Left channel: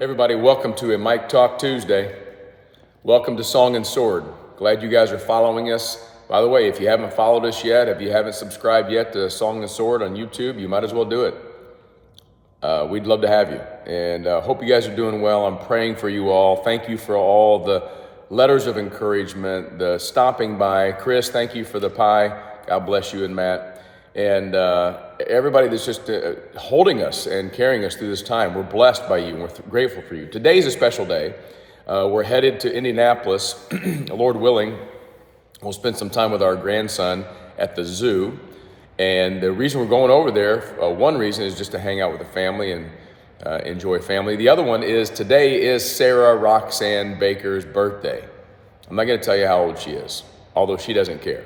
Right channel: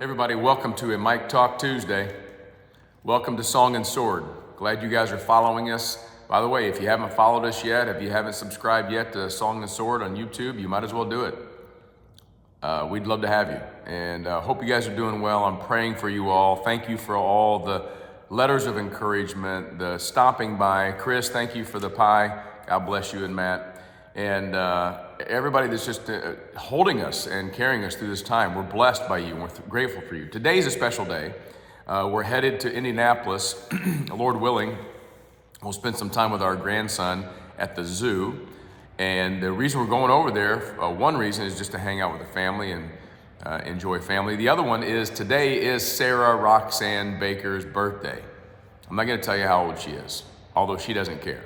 Everybody, welcome to a Mike Talk Tuesday. Welcome to Song and Sword. Glad you guys are following us. By the way, if you haven't followed us yet, if you haven't subscribed yet to Song and Sword on YouTube, you might as well do it. We'd love to have you, and hope you guys are doing well. I'm praying for you all. Thank you for all the letters of encouragement, the stopping by. Chris, thank you for the pie. God bless you and Matt. And everybody that's just holding us and carrying us through this time. We're blessed by you, and we're grateful for you. Today's a special day. We're headed to Indianapolis, Lord willing. We'll spend some time with our grandson at the zoo. And the reason we're going over there, one reason is just to hang out with the family and enjoy family. The other one is today is Sarah Roxanne Baker's birthday. I'm not going to tell you how old she is, although she doesn't care.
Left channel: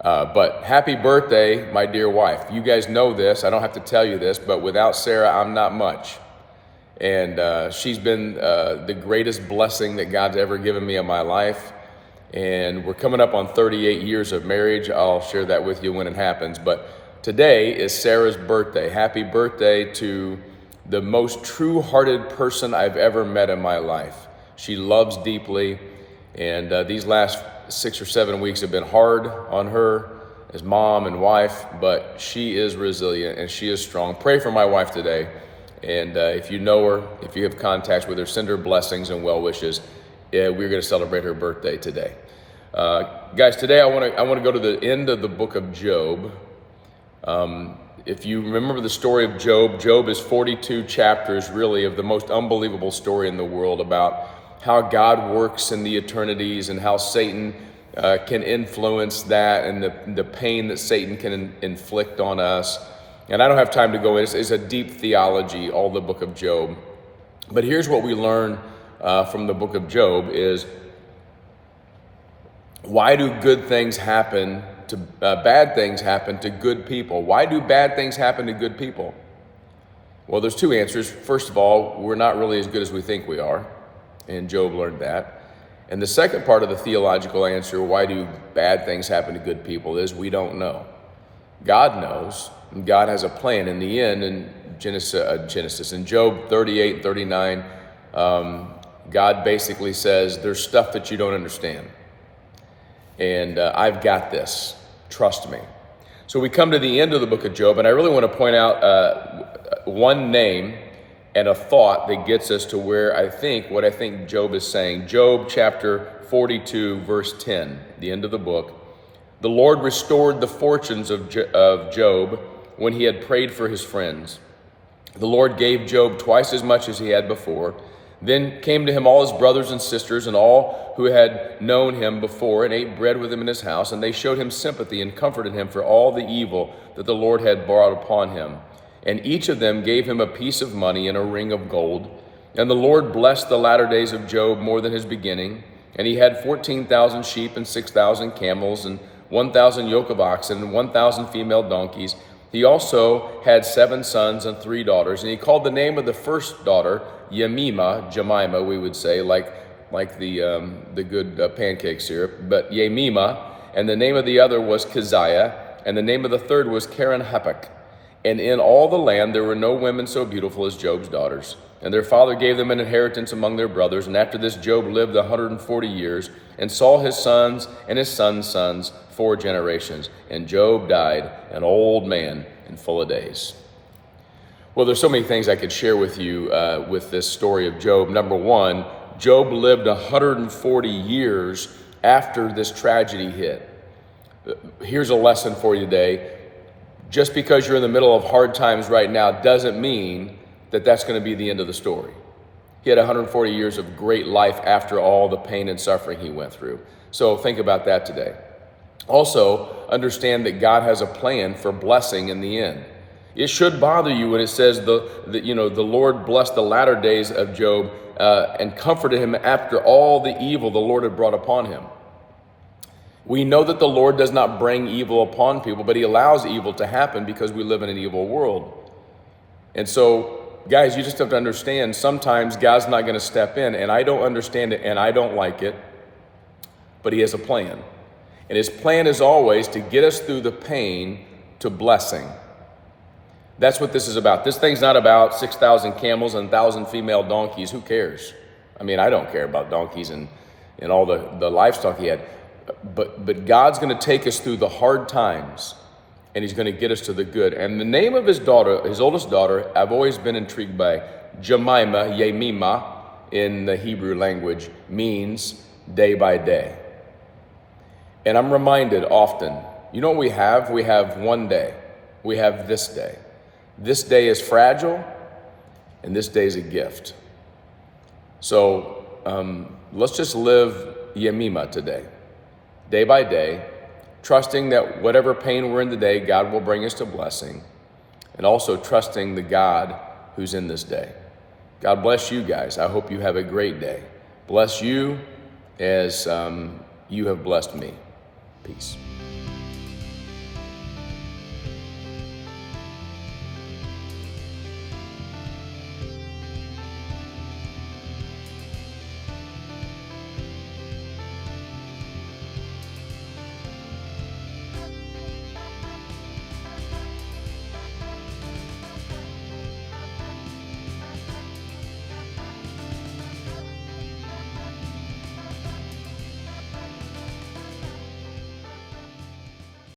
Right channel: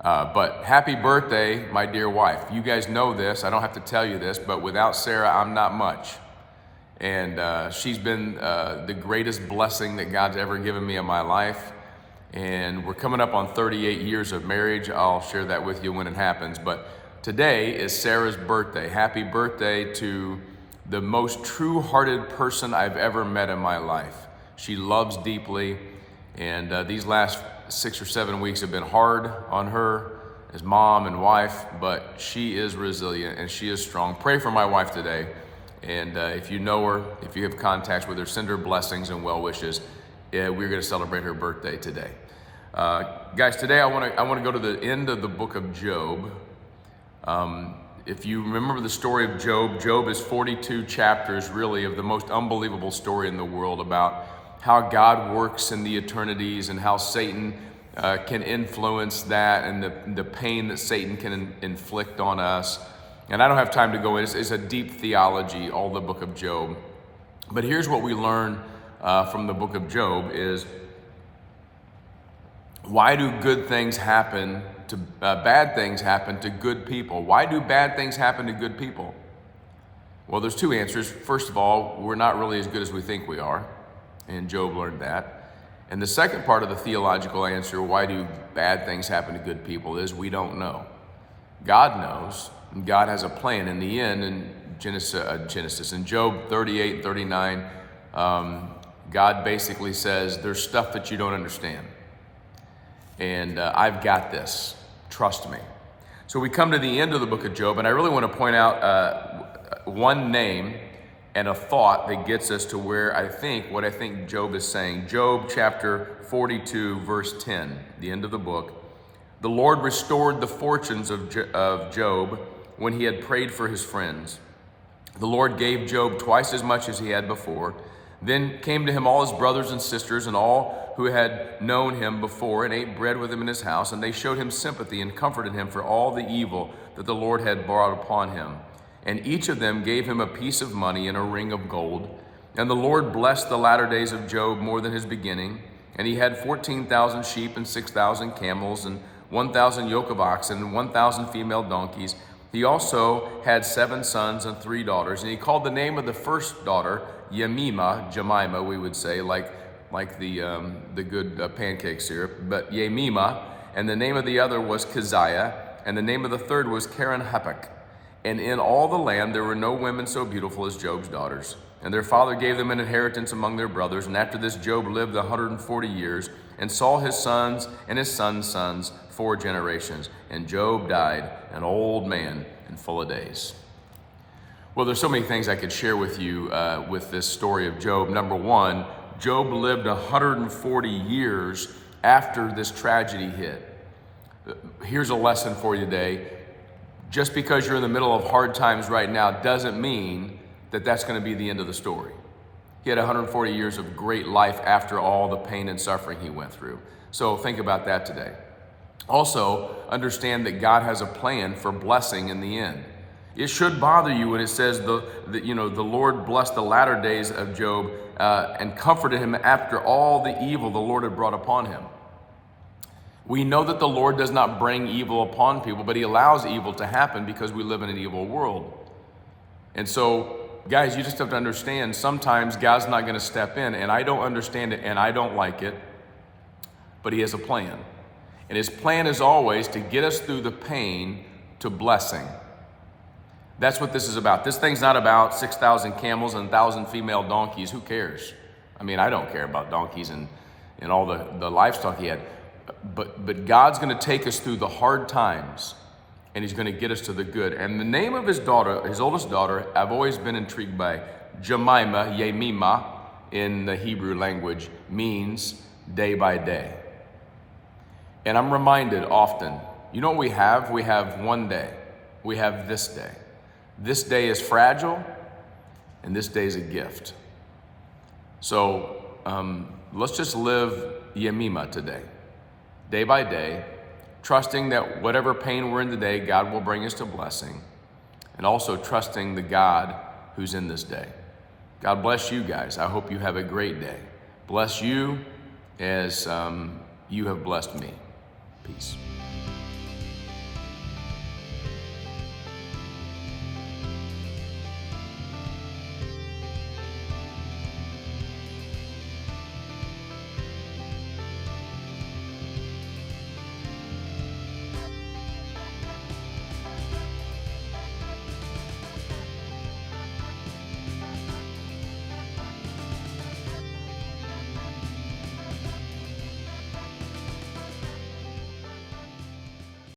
But happy birthday, my dear wife. You guys know this. I don't have to tell you this, but without Sarah, I'm not much. And she's been the greatest blessing that God's ever given me in my life. And we're coming up on 38 years of marriage. I'll share that with you when it happens. But today is Sarah's birthday. Happy birthday to the most true-hearted person I've ever met in my life. She loves deeply, and these last 6 or 7 weeks have been hard on her as mom and wife, but she is resilient and she is strong. Pray for my wife today. And if you know her, if you have contacts with her, send her blessings and well wishes. We're going to celebrate her birthday today. Guys, today I want to go to the end of the book of Job. If you remember the story of Job, Job is 42 chapters really of the most unbelievable story in the world about how God works in the eternities and how Satan can influence that, and the pain that Satan can inflict on us. And I don't have time to go in. It's a deep theology, all the book of Job. But here's what we learn from the book of Job is, why do good things happen to bad things happen to good people? Why do bad things happen to good people? Well, there's two answers. First of all, we're not really as good as we think we are. And Job learned that. And the second part of the theological answer, why do bad things happen to good people, is we don't know. God knows, and God has a plan. In the end, in Genesis, in Job 38, 39, God basically says, there's stuff that you don't understand. And I've got this, trust me. So we come to the end of the book of Job, and I really want to point out one name and a thought that gets us to what I think Job is saying. Job chapter 42, verse 10, the end of the book. The Lord restored the fortunes of Job when he had prayed for his friends. The Lord gave Job twice as much as he had before. Then came to him all his brothers and sisters and all who had known him before and ate bread with him in his house, and they showed him sympathy and comforted him for all the evil that the Lord had brought upon him. And each of them gave him a piece of money and a ring of gold. And the Lord blessed the latter days of Job more than his beginning. And he had 14,000 sheep and 6,000 camels and 1,000 yoke of oxen and 1,000 female donkeys. He also had 7 sons and 3 daughters. And he called the name of the first daughter Jemimah, we would say, like the good pancake syrup, but Jemimah. And the name of the other was Keziah. And the name of the third was Keren-happuch. And in all the land there were no women so beautiful as Job's daughters. And their father gave them an inheritance among their brothers. And after this Job lived 140 years and saw his sons and his sons' sons 4 generations. And Job died an old man and full of days. Well, there's so many things I could share with you with this story of Job. Number one, Job lived 140 years after this tragedy hit. Here's a lesson for you today. Just because you're in the middle of hard times right now doesn't mean that that's going to be the end of the story. He had 140 years of great life after all the pain and suffering he went through. So think about that today. Also, understand that God has a plan for blessing in the end. It should bother you when it says the Lord blessed the latter days of Job and comforted him after all the evil the Lord had brought upon him. We know that the Lord does not bring evil upon people, but he allows evil to happen because we live in an evil world. And so, guys, you just have to understand, sometimes God's not going to step in, and I don't understand it, and I don't like it, but he has a plan. And his plan is always to get us through the pain to blessing. That's what this is about. This thing's not about 6,000 camels and 1,000 female donkeys. Who cares? I mean, I don't care about donkeys and all the livestock he had. But God's going to take us through the hard times, and he's going to get us to the good. And the name of his daughter, his oldest daughter, I've always been intrigued by. Jemimah in the Hebrew language means day by day. And I'm reminded often, you know what we have? We have one day. We have this day. This day is fragile, and this day is a gift. So let's just live Jemimah today, day by day, trusting that whatever pain we're in today, God will bring us to blessing, and also trusting the God who's in this day. God bless you guys. I hope you have a great day. Bless you as you have blessed me. Peace.